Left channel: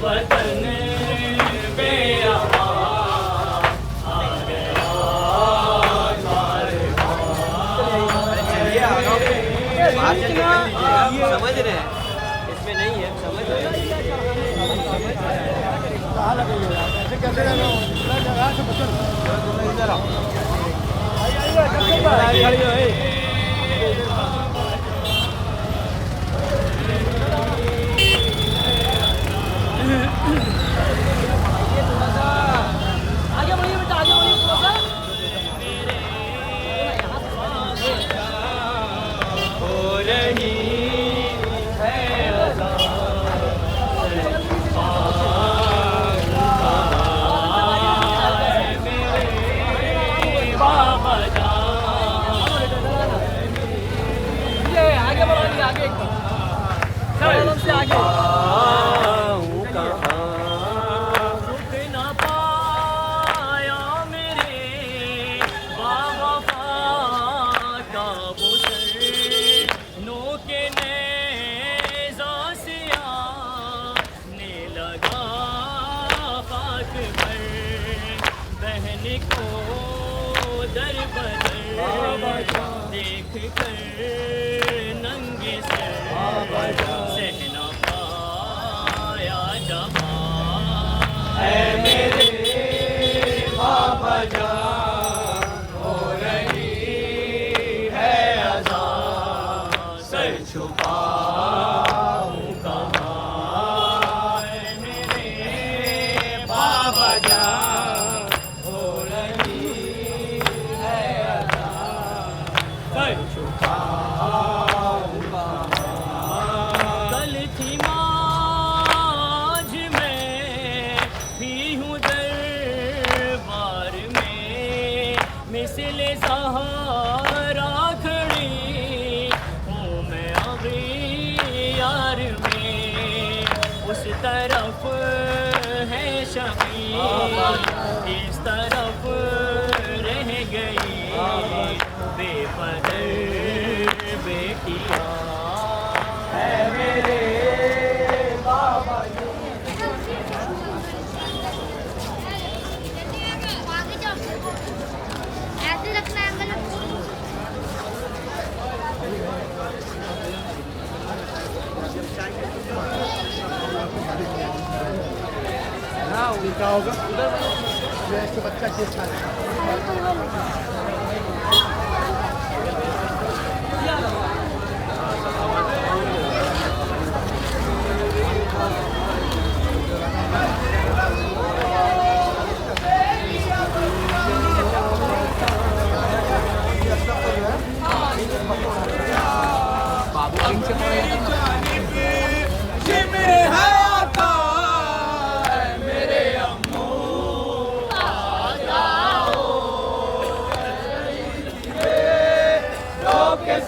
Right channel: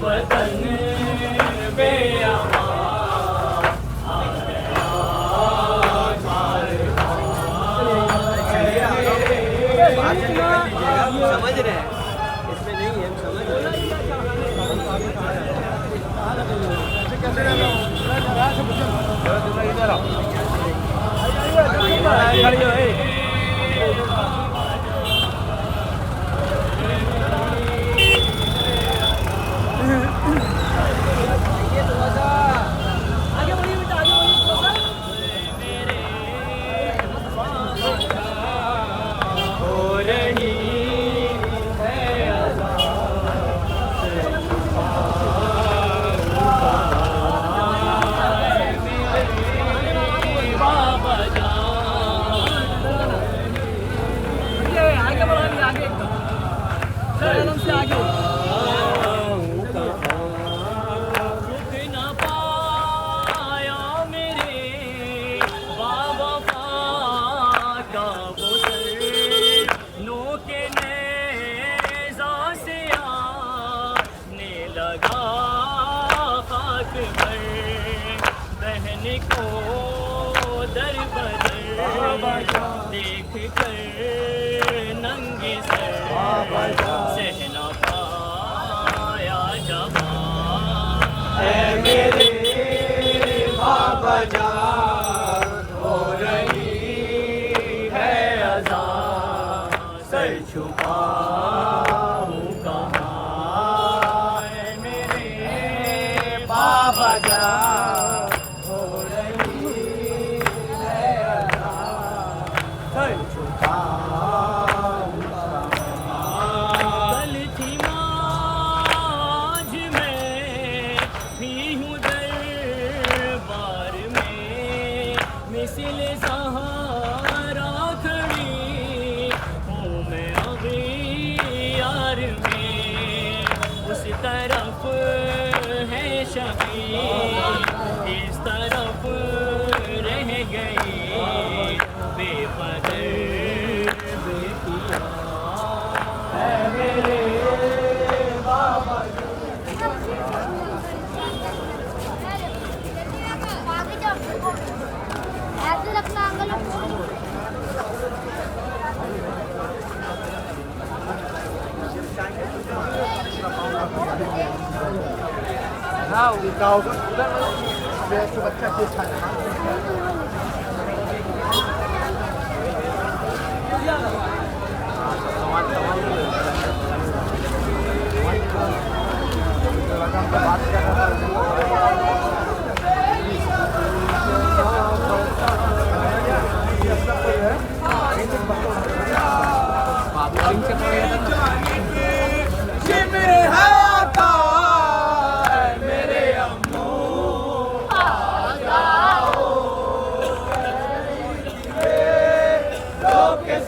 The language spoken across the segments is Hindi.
वतन बेअमा आ गया बाहर चल के कर लीजिएगा, समझ रहे हैं, इसमें नहीं है, समझ रहे हैं। खड़ी हो आगे बढ़िए बेटा, आगे बढ़िए थोड़ा सा। हो रही है अज़ां मेरे बाबा जान। आगे बढ़िए, आगे से आगे को दर बदर देख कर नंगे सर सहना पाया जबा मेरे बाबा जान। हो रही है अज़ां सर छुपाऊं कहाँ मेरे बाबा जान। कल थी माझ में भी हूँ दरबार में मिसले सहारा खड़ी हूँ मैं अभी यार में। उस तरफ है शबीर, इस तरफ रह गई बेपदर बेटियां है मेरे बाबा। ऐसे रखना angle. Now we go.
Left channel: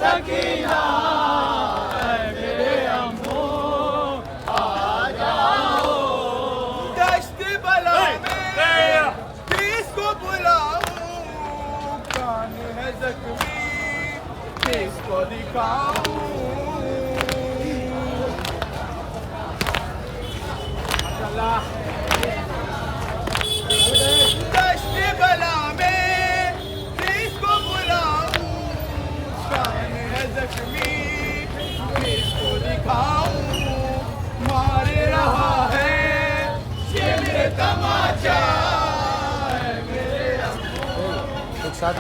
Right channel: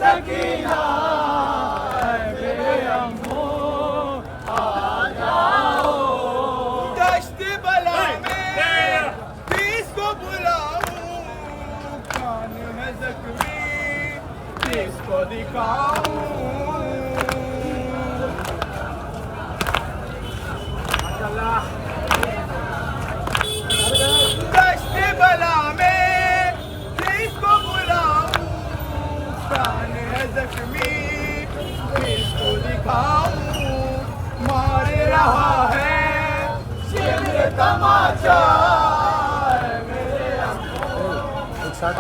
Sakina मेरे अम्मो आ जाओ। दश्त बला में किसको बुलाऊं, कान है जख्मी किसको दिखाऊं। माशाल्लाह। दश्त बला में किसको बुलाऊं, कान है जख्मी किसको दिखाऊं। मार रहा है शिमर तमाचा मेरे एक साथ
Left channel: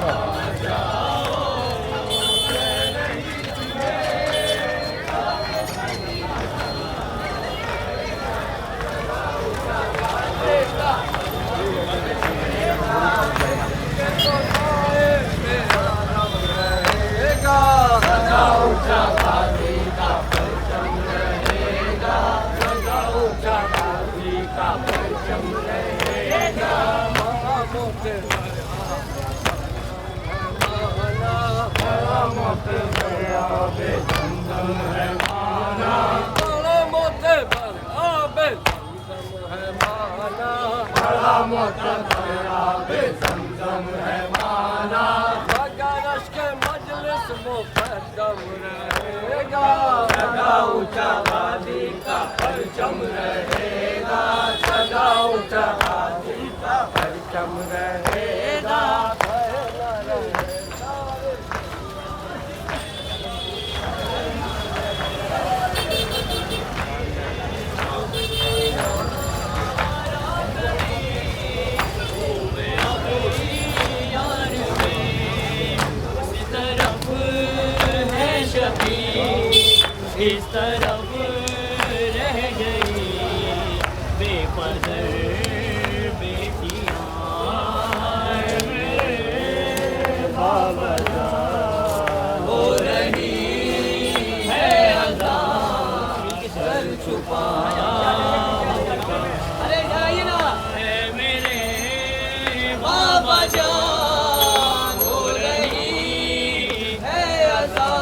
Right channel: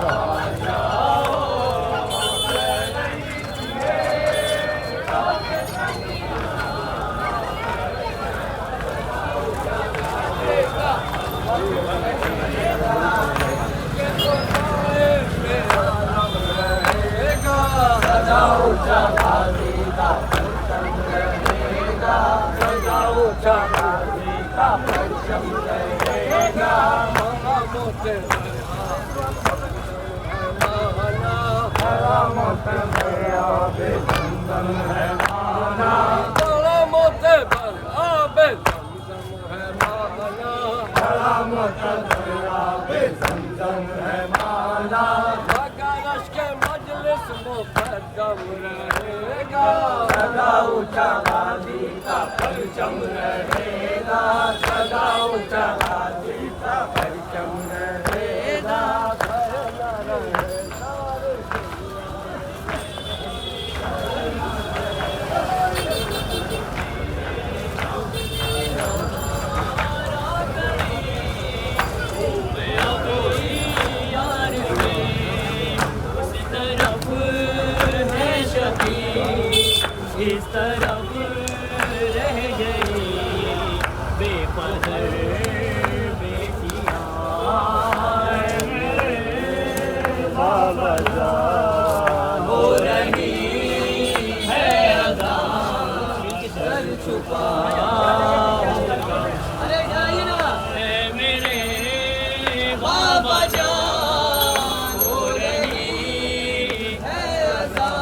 मुकद्दम रहेगा, सदा ऊंचा गादी का परचम रहेगा, सदा ऊंचा गादी का परचम रहेगा। इस तरफ रह गई बेपदर बेटियां, बाबा हो रही है अदा सर छुपाया। अरे जाइए ना है मेरे बाबा जान, हो रही है अदा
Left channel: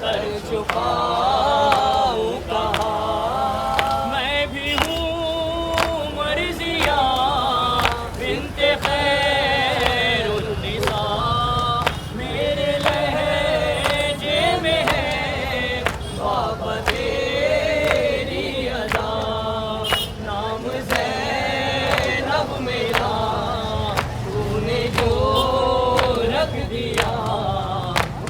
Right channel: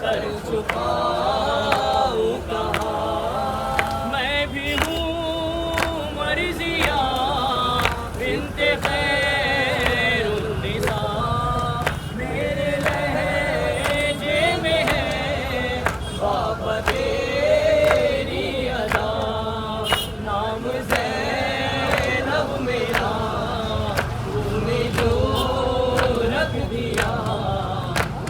सर छुपाऊं कहाँ। मैं भी हूँ मर्जिया बिन्ते खैरुन्निसा, मेरे लहजे में है बाबा तेरी अदा। नाम ज़ैनब मेरा तूने जो रख दिया,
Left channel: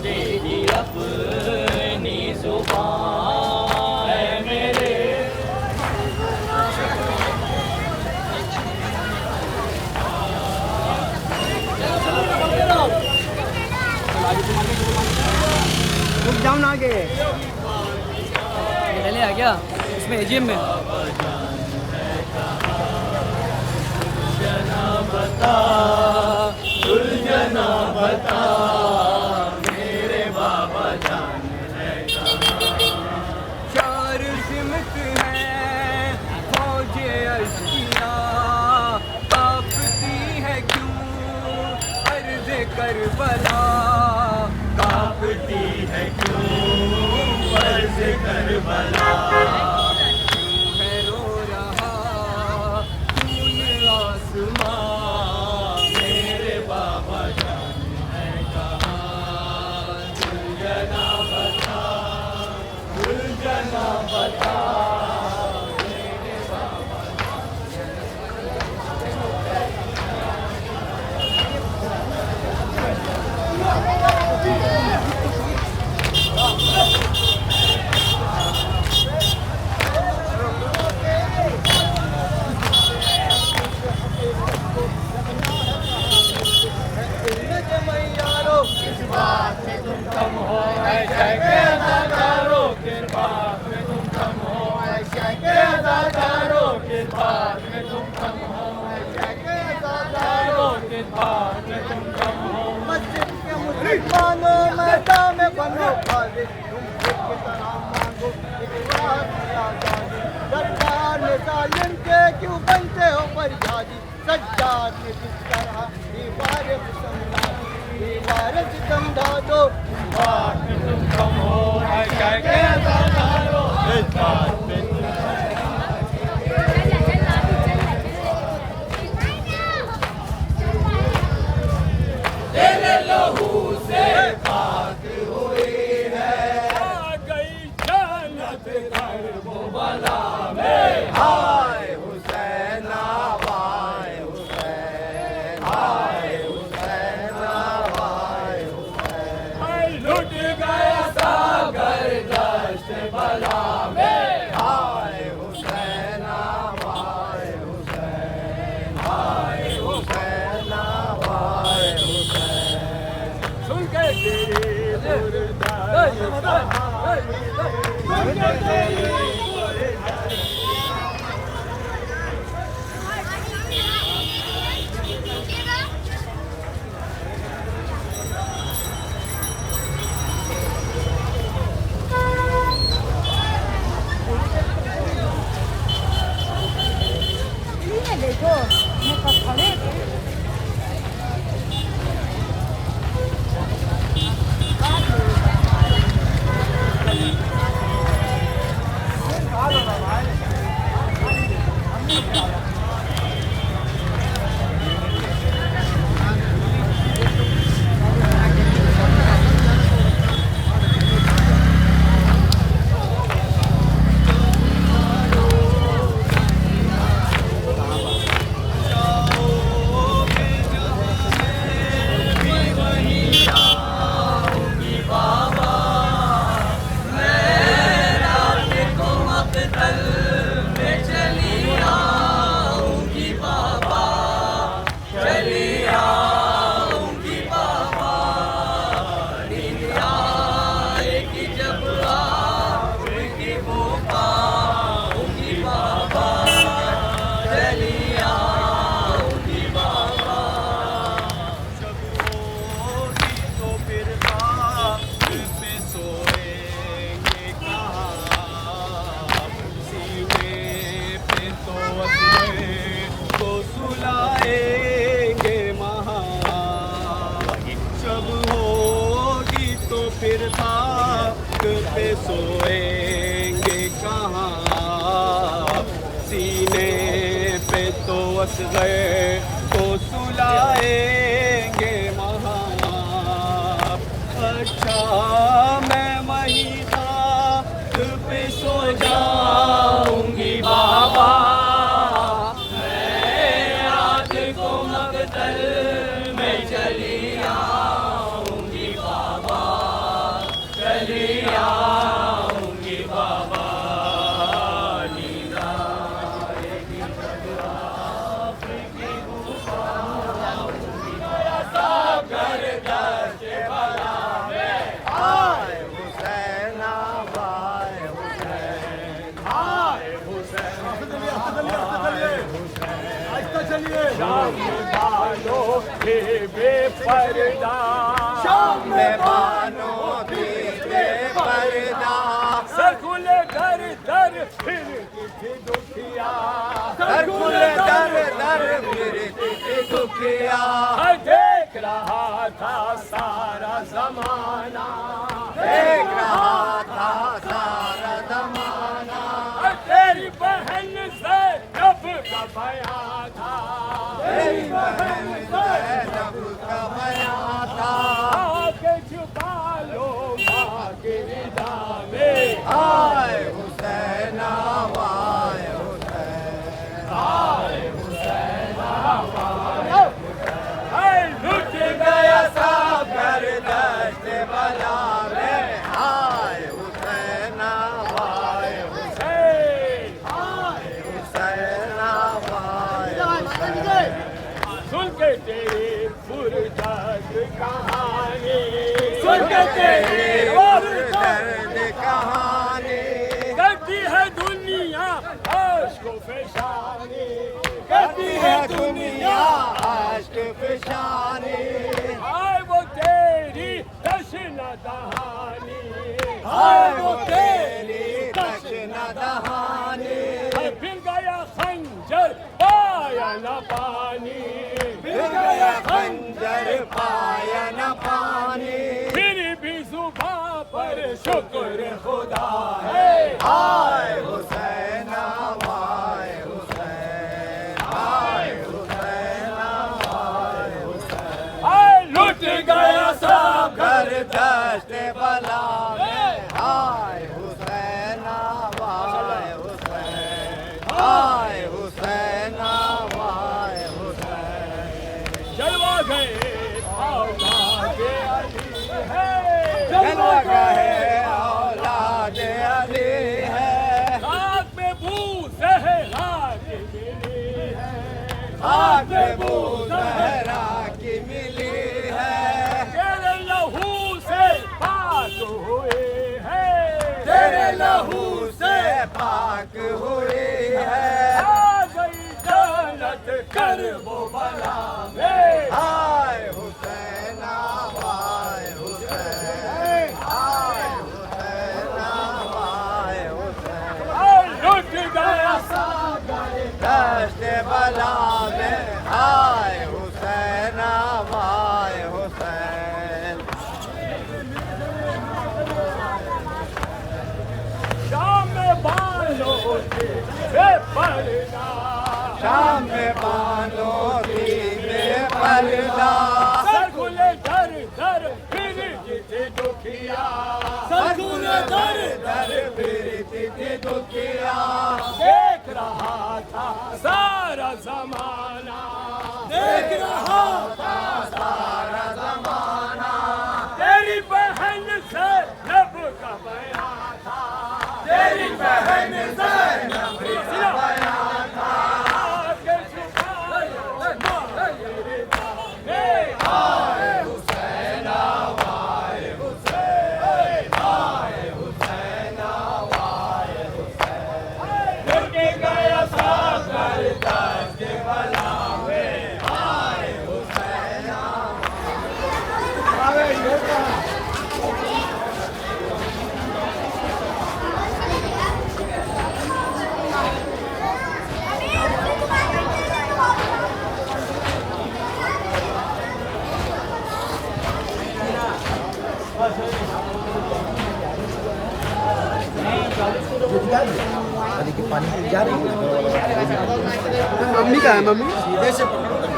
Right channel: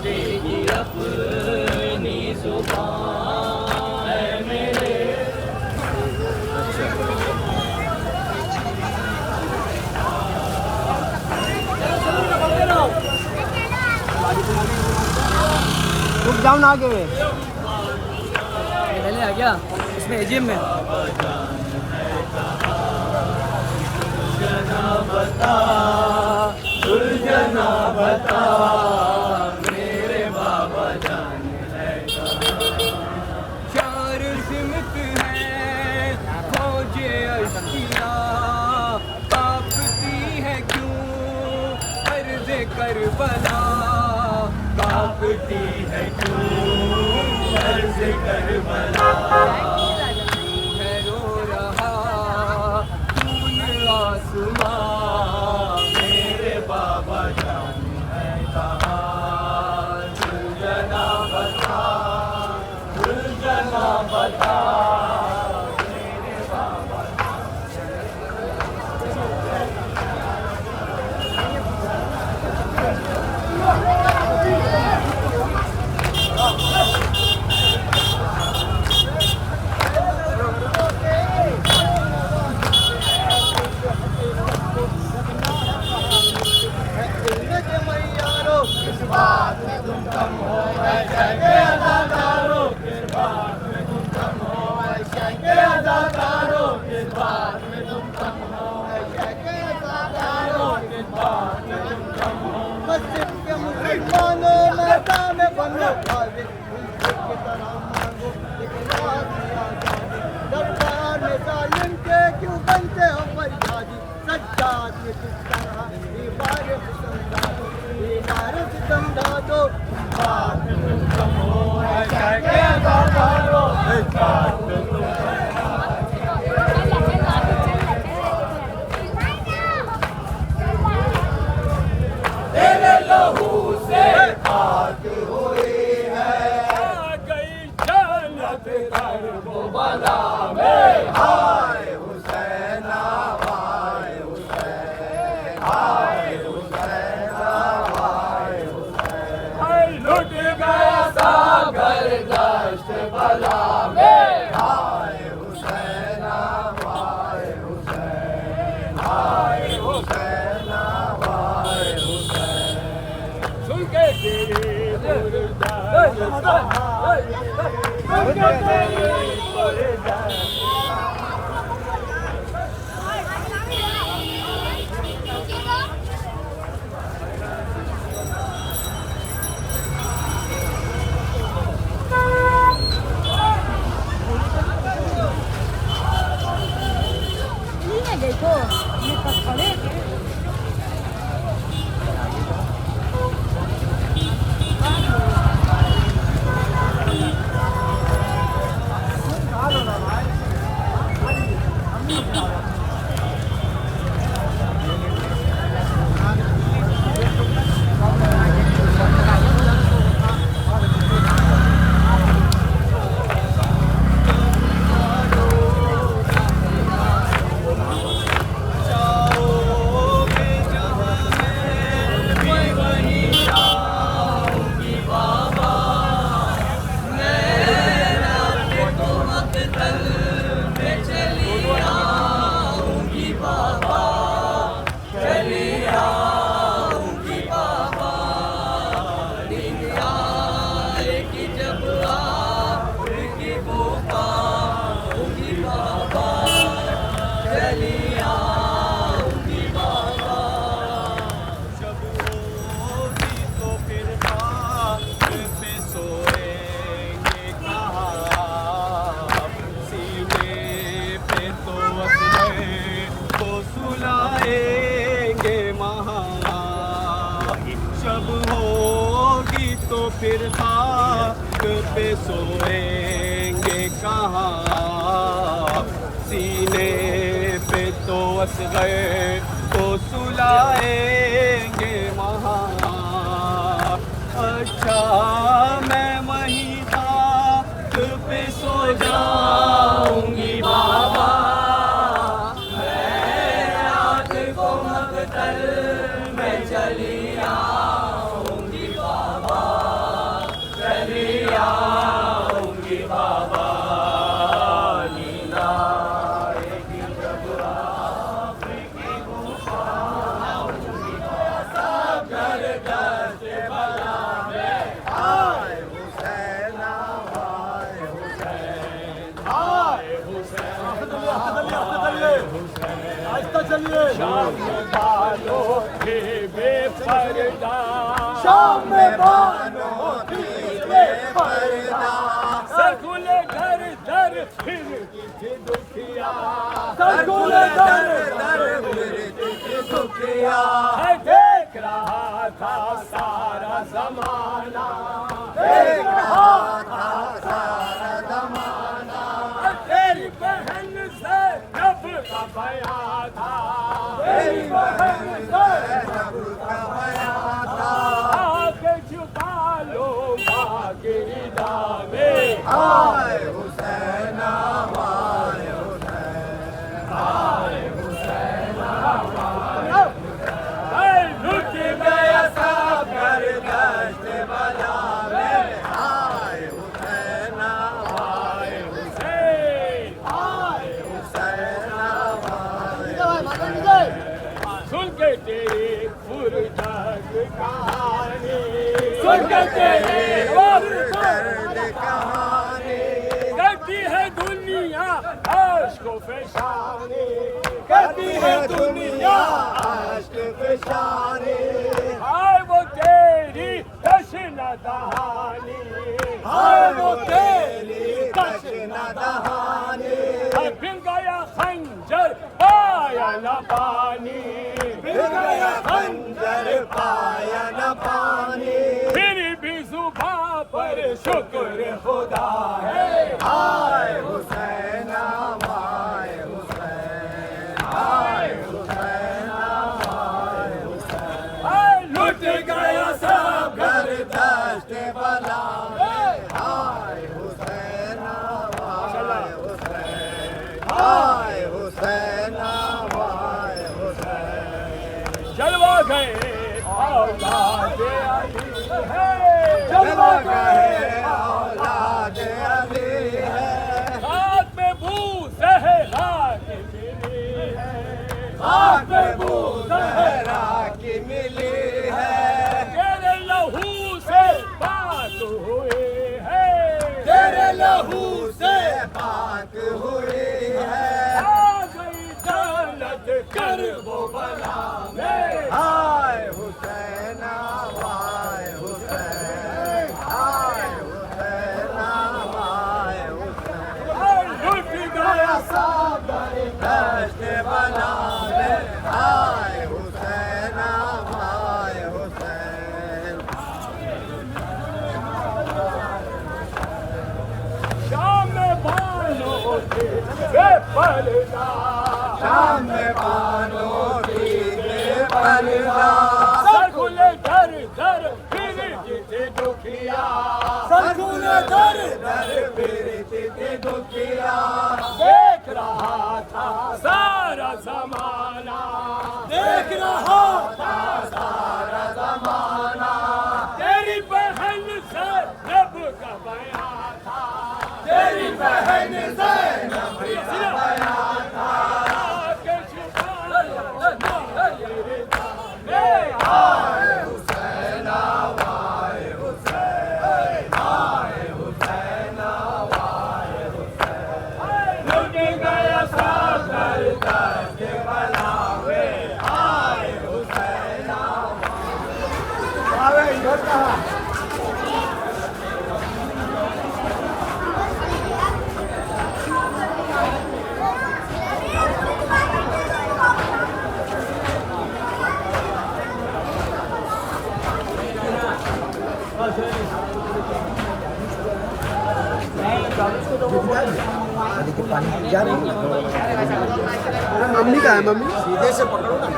तेरी अपनी जुबान है मेरे। रुक जाओ ना आगे, पहले आ गया इसमें एजीएम में। सुलझना बता, सुलझना बता, मेरे बाबा जान है कहाँ। चार सिमत है फौजे अश्किया, कांपती है क्यों अर्ज़ करबला, कांपती है क्यों अर्ज़ करबला। क्यों है रो रहा खून आसमां, मेरे बाबा जान है कहाँ। सुलझना बता, सुलझना बता। मस्जिद के मुसलमानों मैदान में बनो खाली, तुम खुद की तरह मांगो इकरार में आजादी। दरबार में जालिम के क्यों बनते हो फरियादी, सज्जाद के किस तरह दीवार सितम ढादो। बात में तुम कम हो, ऐसा कहता करो, इस बात पे तुम तेरे लहू से पाक हुई है, आ गई जन्नत करबला में। हाय हुसैना वाय हुसैन, हाय हुसैना वाय हुसैन। हाय लुट गया सागर दश्त बला में। हाय हुसैना वाय हुसैन, हाय हुसैना वाय हुसैन। सुन के तेरी मुर्दार देखो मैं कब खड़े थे। पे सोएंगे कहाँ, सीने पे तो असग़र को सुलाएंगे वहाँ। अच्छा मैं वहीं खाक पे सो जाऊंगी बाबा, मैं रात को मक़तल में चली आऊंगी बाबा, चली आऊंगी बाबा। नींद आएगी जब आपकी आऊंगी सब घर दर्द भला में। आए हुसैन आए हुसैन आए हुसैन आए हुसैन, शाम बालों के बेपर्दा, शाम बालों के बेपर्दा, सरकुल दर दर फिरती थी दुखिया, सरकुल दर दर फिरती थी दुखिया। देख रहा था सारा ज़माना, देख रहा था सारा ज़माना, तेरी बहन ज़ैनब का बयां था, तेरी बहन ज़ैनब का बयां था। आके छुपा लो माँ की रिदा में। आए हुसैन आए हुसैन आए हुसैन आए हुसैन, लुट गया सागर दश्त बला में। आए हुसैन आए हुसैन आए हुसैन आए। सुन के तेरी पुरदर्द कहानी, सुन के तेरी पुरदर्द कहानी, करती है दुनिया आश्क फ़िशानी, करती है दुनिया आश्क फ़िशानी। हाय वो तेरी तशना दहानी, हाय वो तेरी तशना दहानी, फिर गया खंजर पाया न पानी, फिर गया खंजर पाया न पानी, फिर भी जुबां पर शुक्र खुदा है। आए हुसैन आए हुसैन आए हुसैन आए हुसैन, आए लुट गया सब घर दश्त बला में। आए हुसैन आए हुसैन आए हुसैन आए हुसैन, जलवा गए औलाद अली है, जलवा गए औलाद अली है। रात में बू ज़हरा की मिली है, रात में बू ज़हरा की मिली है। तेरे लहू से पाक हुए है, तेरे लहू से पाक हुए है। आ गई जन्नत कर वो बला में। आए हुसैन आए हुसैन आए हुसैन आए हुसैन, लुट गया सागर दश्त बला में। आए हुसैन आए हुसैन, शाम में बालों के बेपर्दा, शाम में बालों की बेपर्दा, सरकुल दर दर फिरती थी दुखिया, सरकुल दर दर फिरती थी दुखिया। देख रहा था सारा ज़माना, देख रहा था सारा ज़माना, तेरी बहन ज़ैनब का बयां था, तेरी बहन ज़ैनब का बयां था। आके छुपा लो माँ की रिदा में। आए हुसैन आए हुसैन आए हुसैन आए हुसैन, लुट गया सागर दश्त बला में। आए हुसैन आए जा रही है नदी के पानी की जा रही है। मम्मी का है मम्मी सीधे से पकड़ो ना।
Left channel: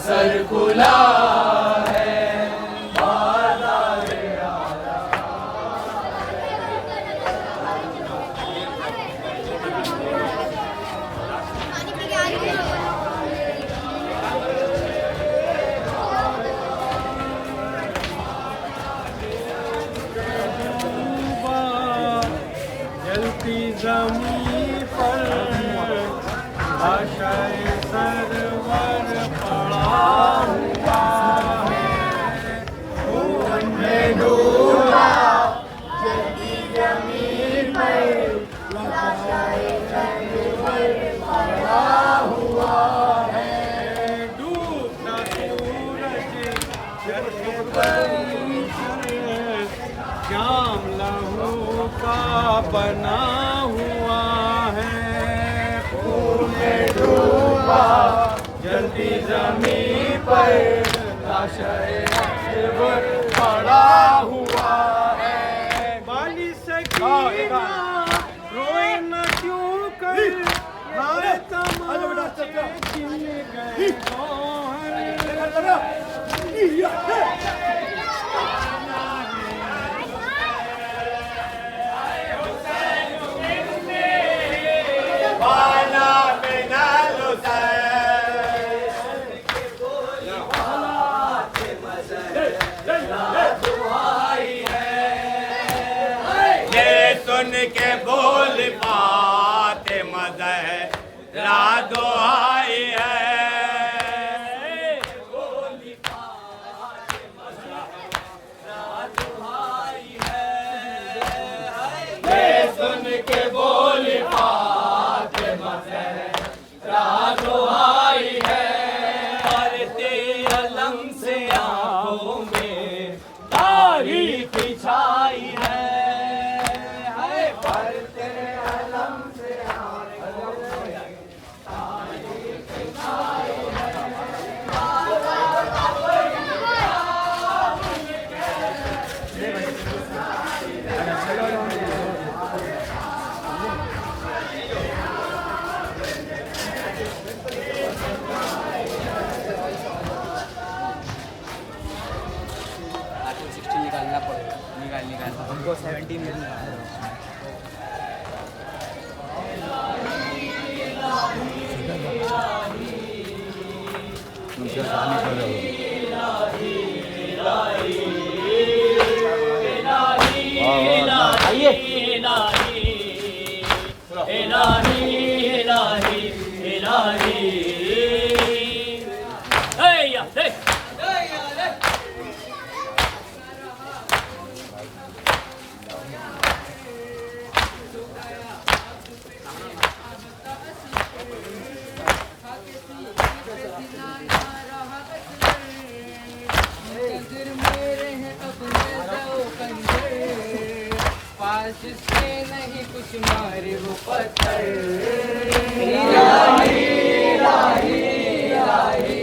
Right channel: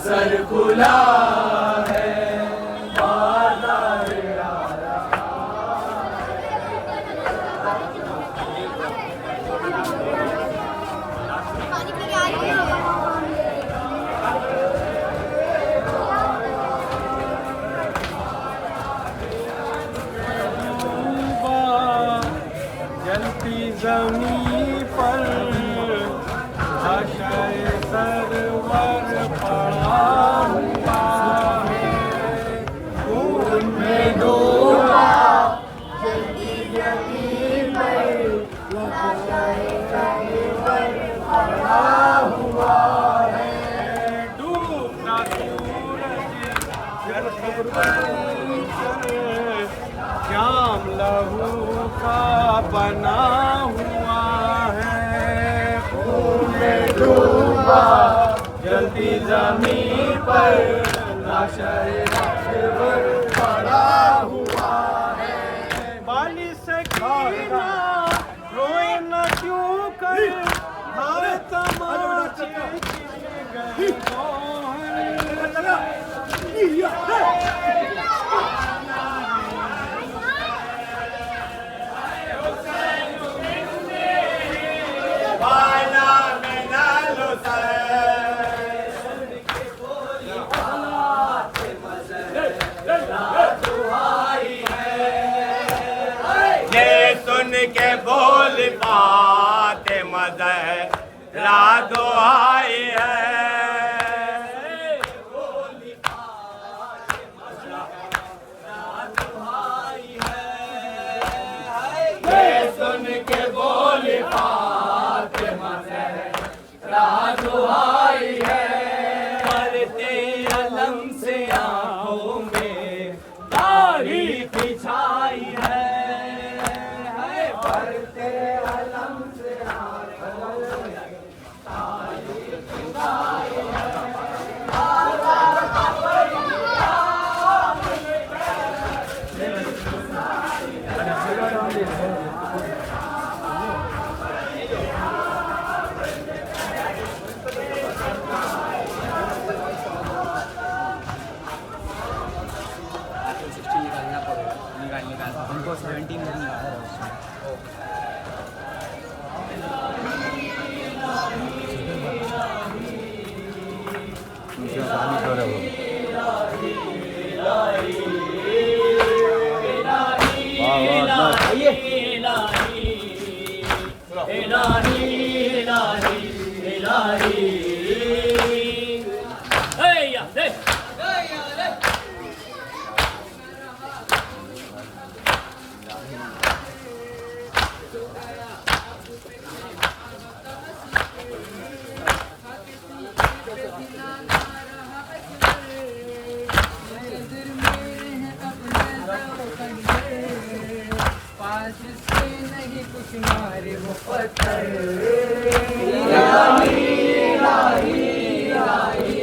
सर खुला है जलती जमीन पर आशाए सरवर पड़ा हुआ है। खून में डूबा जलती जमीन पर आशाए सरवर पड़ा हुआ है। डूबता सूरज श्याम लहू का बना हुआ है। खून में डूबा जलती जमीन पर लाशाए सरवर पड़ा हुआ है। बाली सकीना रोए न क्यों कर भारत माता छिन गए गौहर। ये सुन के बोल पाते मज़हरा दुआई है। ये सुन के बोल पाते मज़हरा दुआई है। करते अलम से आँखों में तारीफ छाई है। उनको 17 में आया नहीं कुछ मारे वो पत्थर। इलाही इलाही इलाही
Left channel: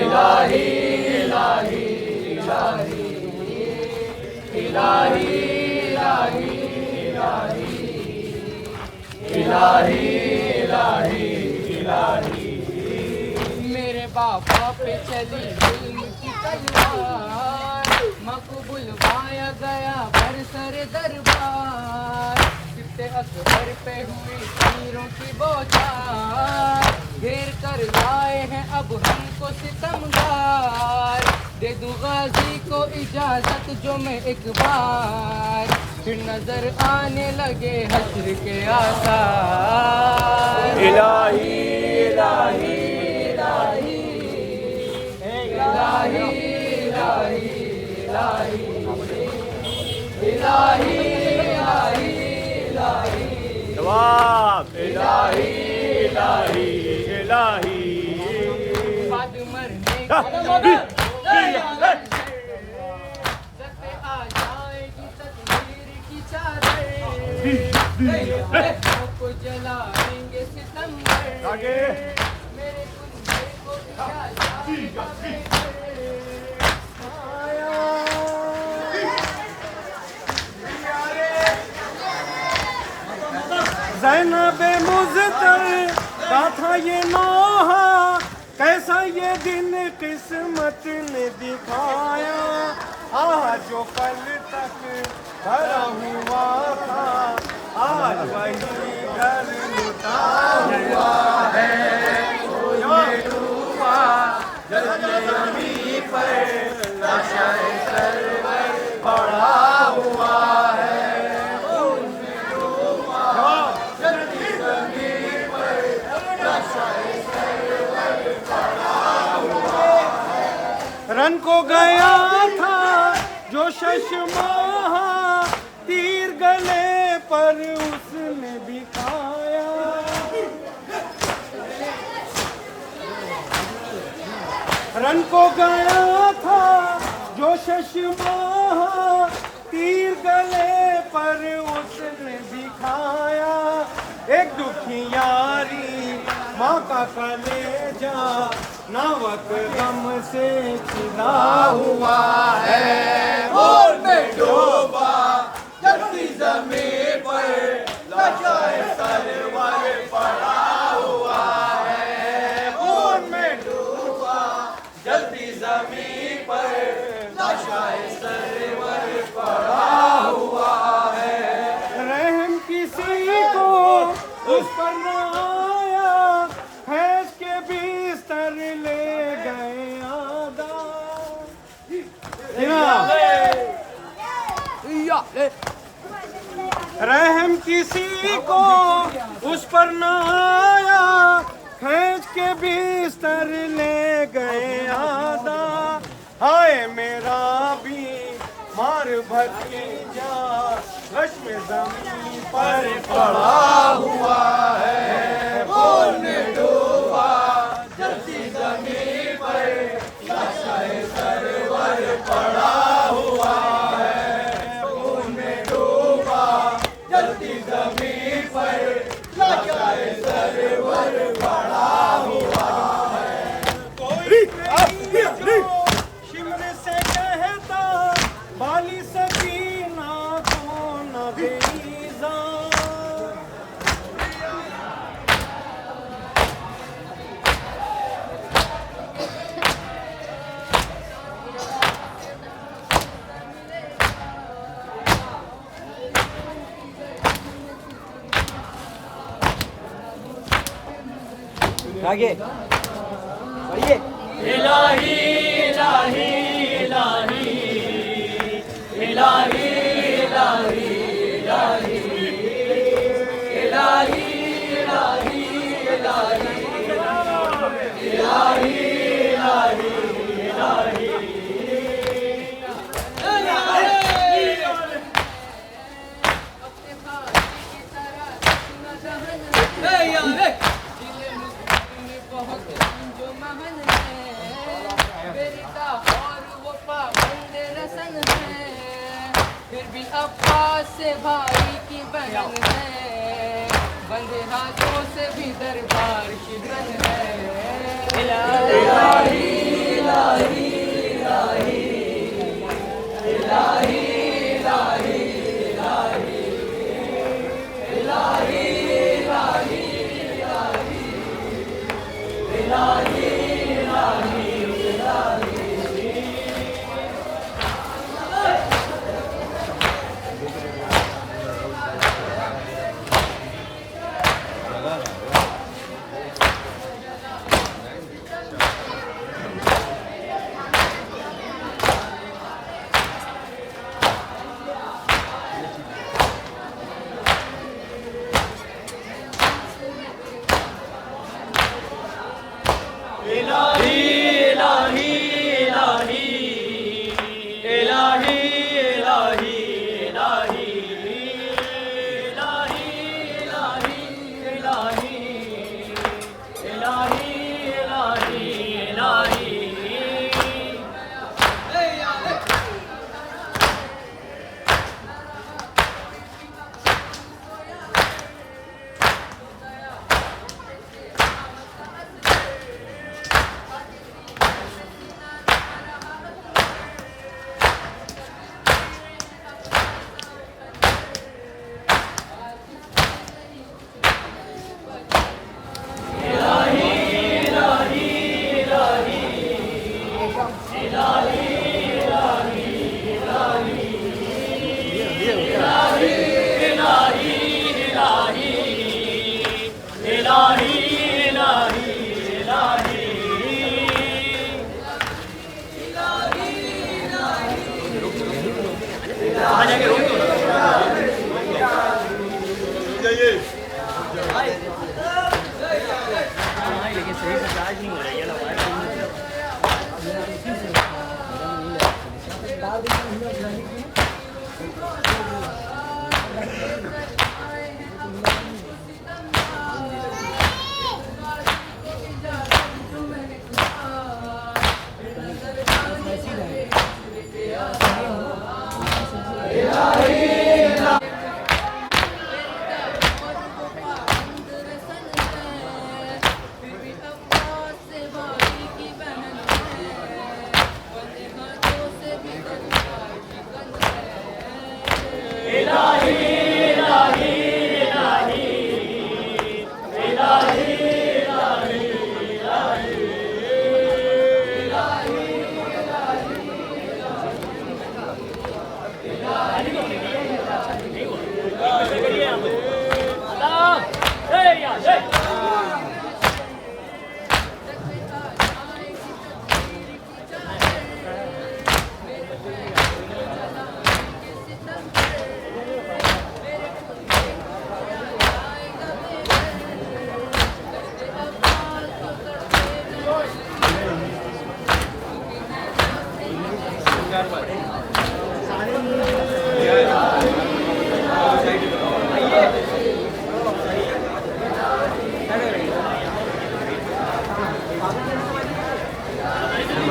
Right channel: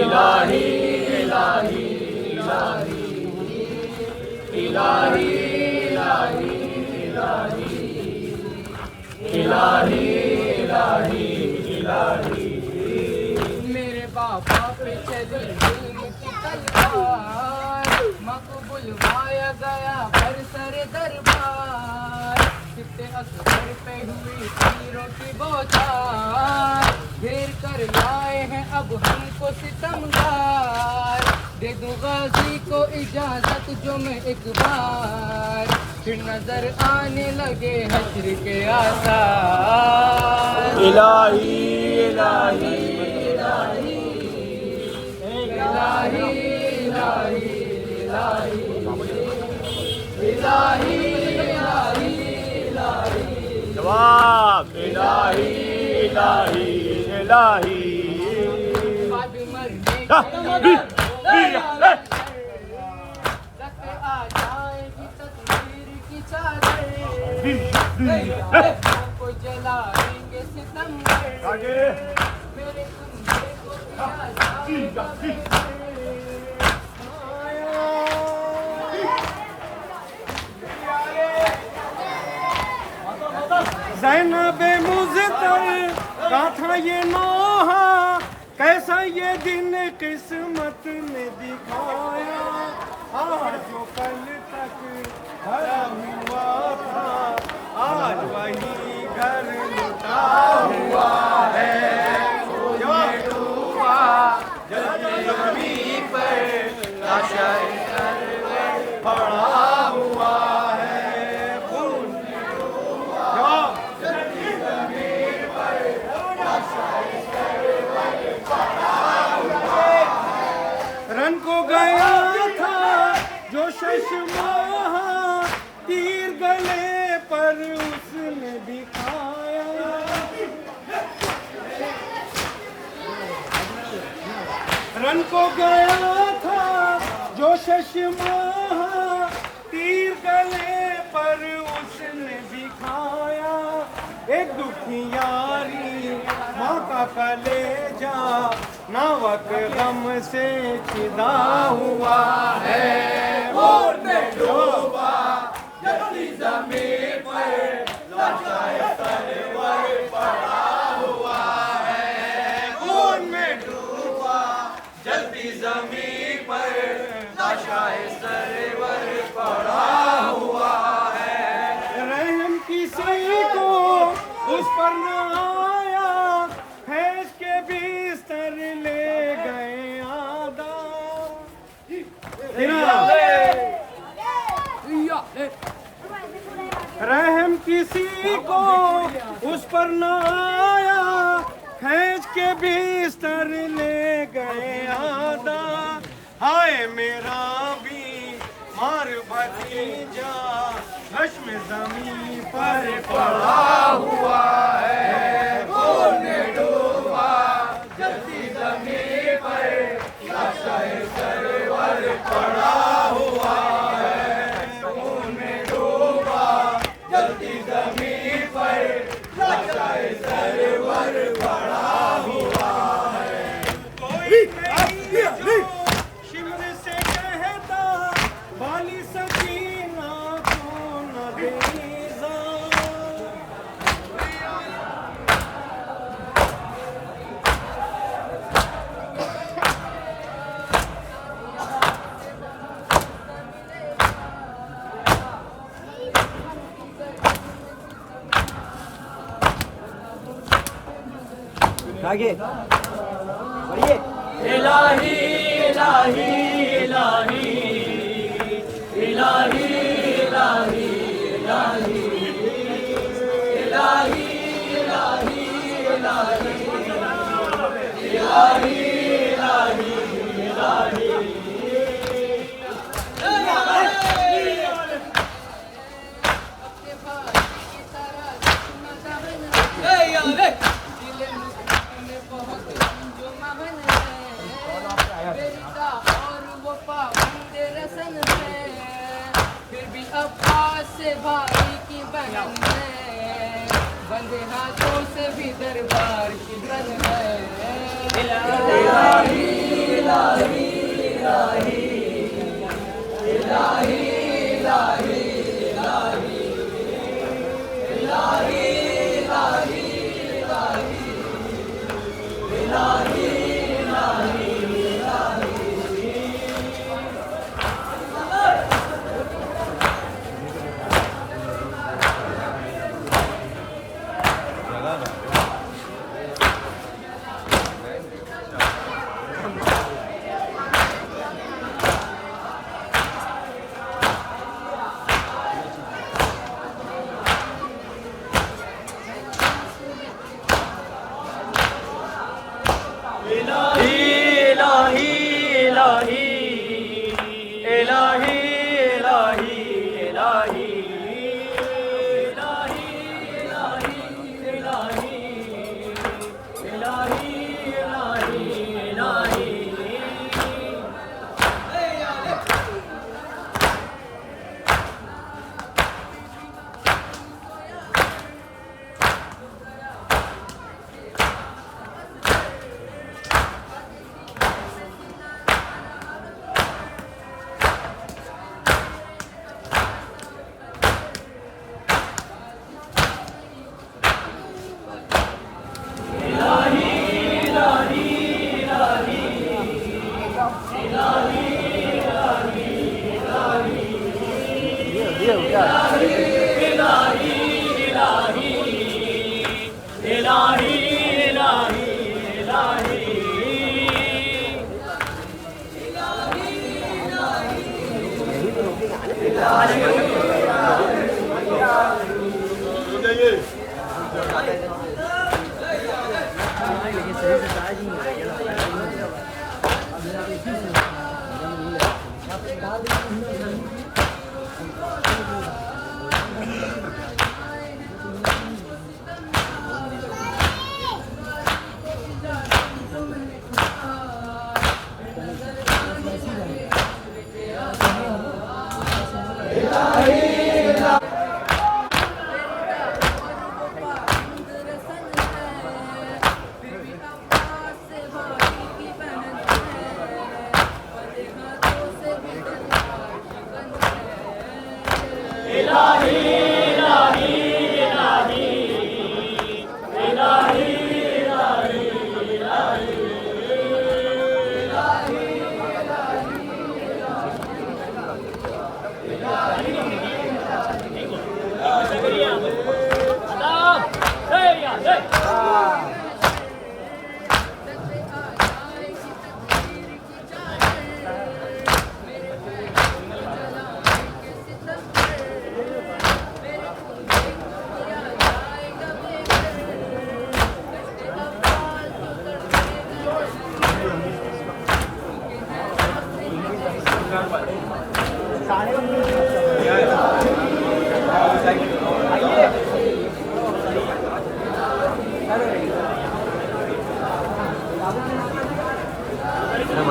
इलाही इलाही इलाही इलाही इलाही इलाही इलाही। मेरे बाबा पे चली जुल्म की तलवार, मकबूल पाया गया पर सर दरबार। कितने अकबर पे हुई तीरों की बौछार, घेर कर लाए हैं अब हमको सितमगार। दे दूं गाजी को इजाजत जो मैं एक बार, फिर नजर आने लगे हश्र के आसार। इलाही इलाही इलाही इलाही इलाही जवाब इलाही इलाही इलाही बाद मरने हाँ, की रख आ जाएगी तकदीर की चादर को जलाएंगे सितंबर आगे मेरे कुंबे को जला ज़ैनबे मुज़्तर का था ये नौहा कैसा ये दिन किस्मत ने दिखाया आज जो कल तक भरा हुआ था आज वही घर लुटा हुआ है कोई डूबा जलते अमी पर लाशाए सरवर पड़ा हुआ है खून में डूबा जवाब रन को गया था जो शशमाहा तीर गले पर उसने दिखाया रन को गया था जो शशमाहा तीर गले पर उसने दिखाया एक दुखियारी माँ का कलेजा नावक गम से चिदा हुआ है और में डूबा जलती जमीन पर लाशाए सरवर पड़ा हुआ है और में डूबा जलती जमीन पर लाशाए सरवर पड़ा हुआ है रहम किसी को उस पर न आया फैज के बिस्तर ले गए आदा रहम किसी को उस पर न आया फैज के बिस्तर ले गए आदा हाय मेरा भी मार भतीजा हश्म जमीन पर पड़ा हुआ है खून में डूबा जलती जमीन पर लाशाए सरवर पड़ा हुआ है खून में डूबा जलती जमीन पर लाशाए सरवर पड़ा हुआ है कोई शिमर से कहता बाली सकीना को न देजा आगे आइए इलाही इलाही इलाही इलाही इलाही इलाही इलाही इलाही इलाही इलाही इलाही फिर भी अब्बास से भाई की बहन है बंधे हाथों से भी दरबार की गन है इलाही इलाही इलाही इलाही इलाही इलाही इलाही इलाही इलाही इलाही इलाही इलाही इलाही इलाही इलाही इलाही इलाही लेकिन सही से चार्ज नहीं हो रही है ना।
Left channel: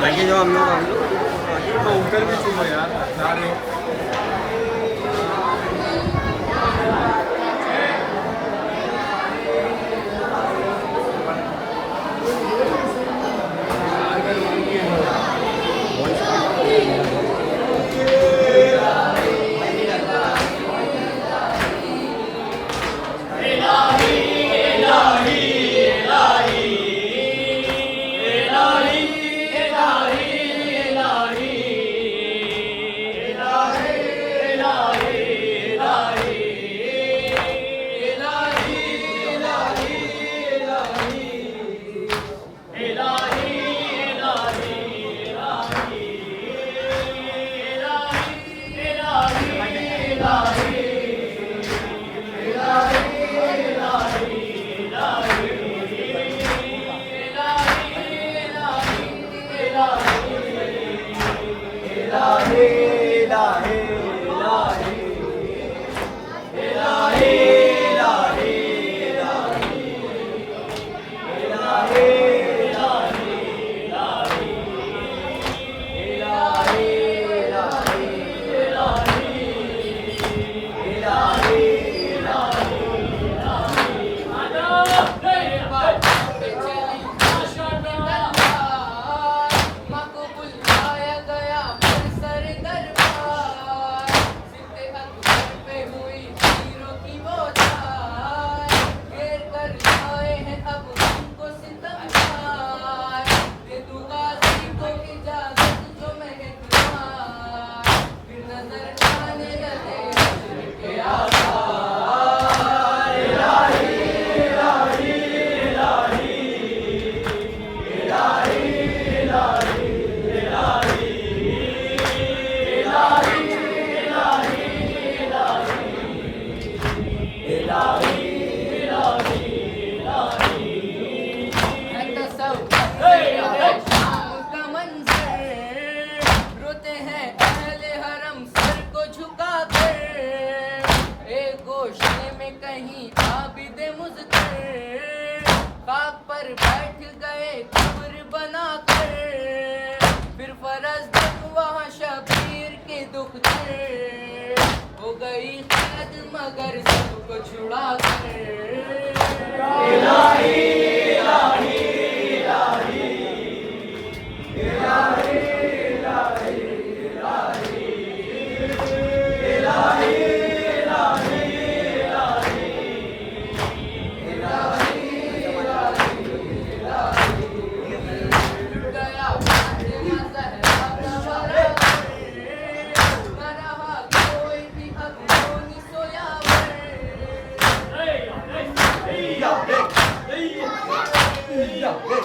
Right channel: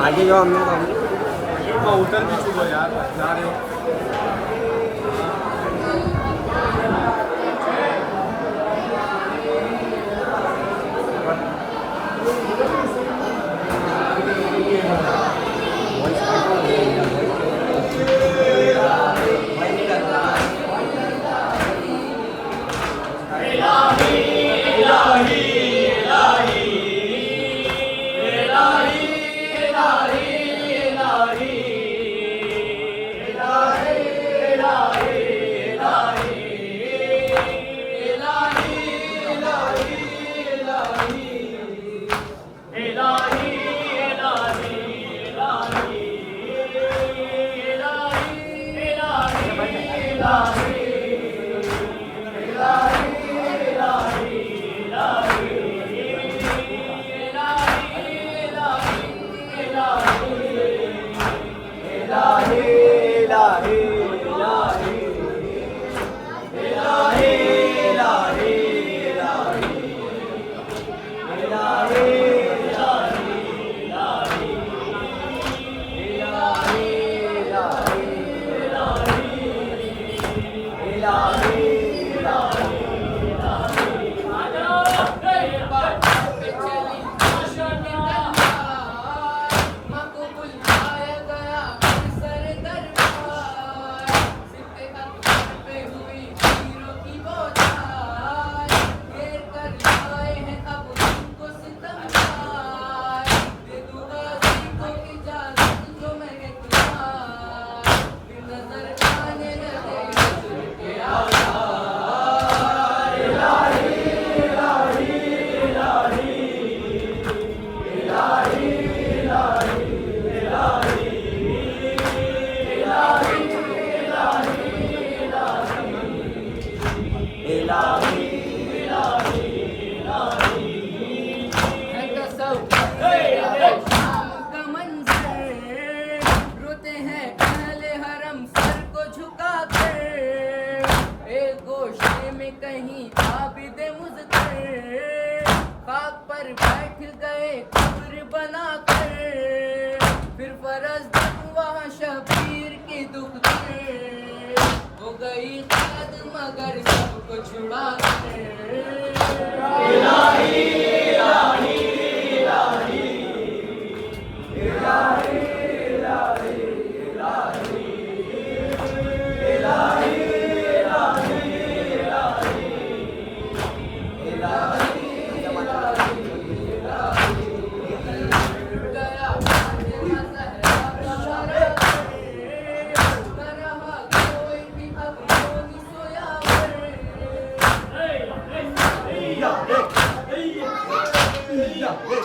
आगे जो हम लोग उतर भी चुको यार, जा रहे हो। कहीं आबिद मुज़्कर खाक पर बैठ गए कब्र बनाकर, फिर फरज वहाँ शबीर के दुख थे, हो गई कैद मगर सबको छुड़ा कर। Yeah.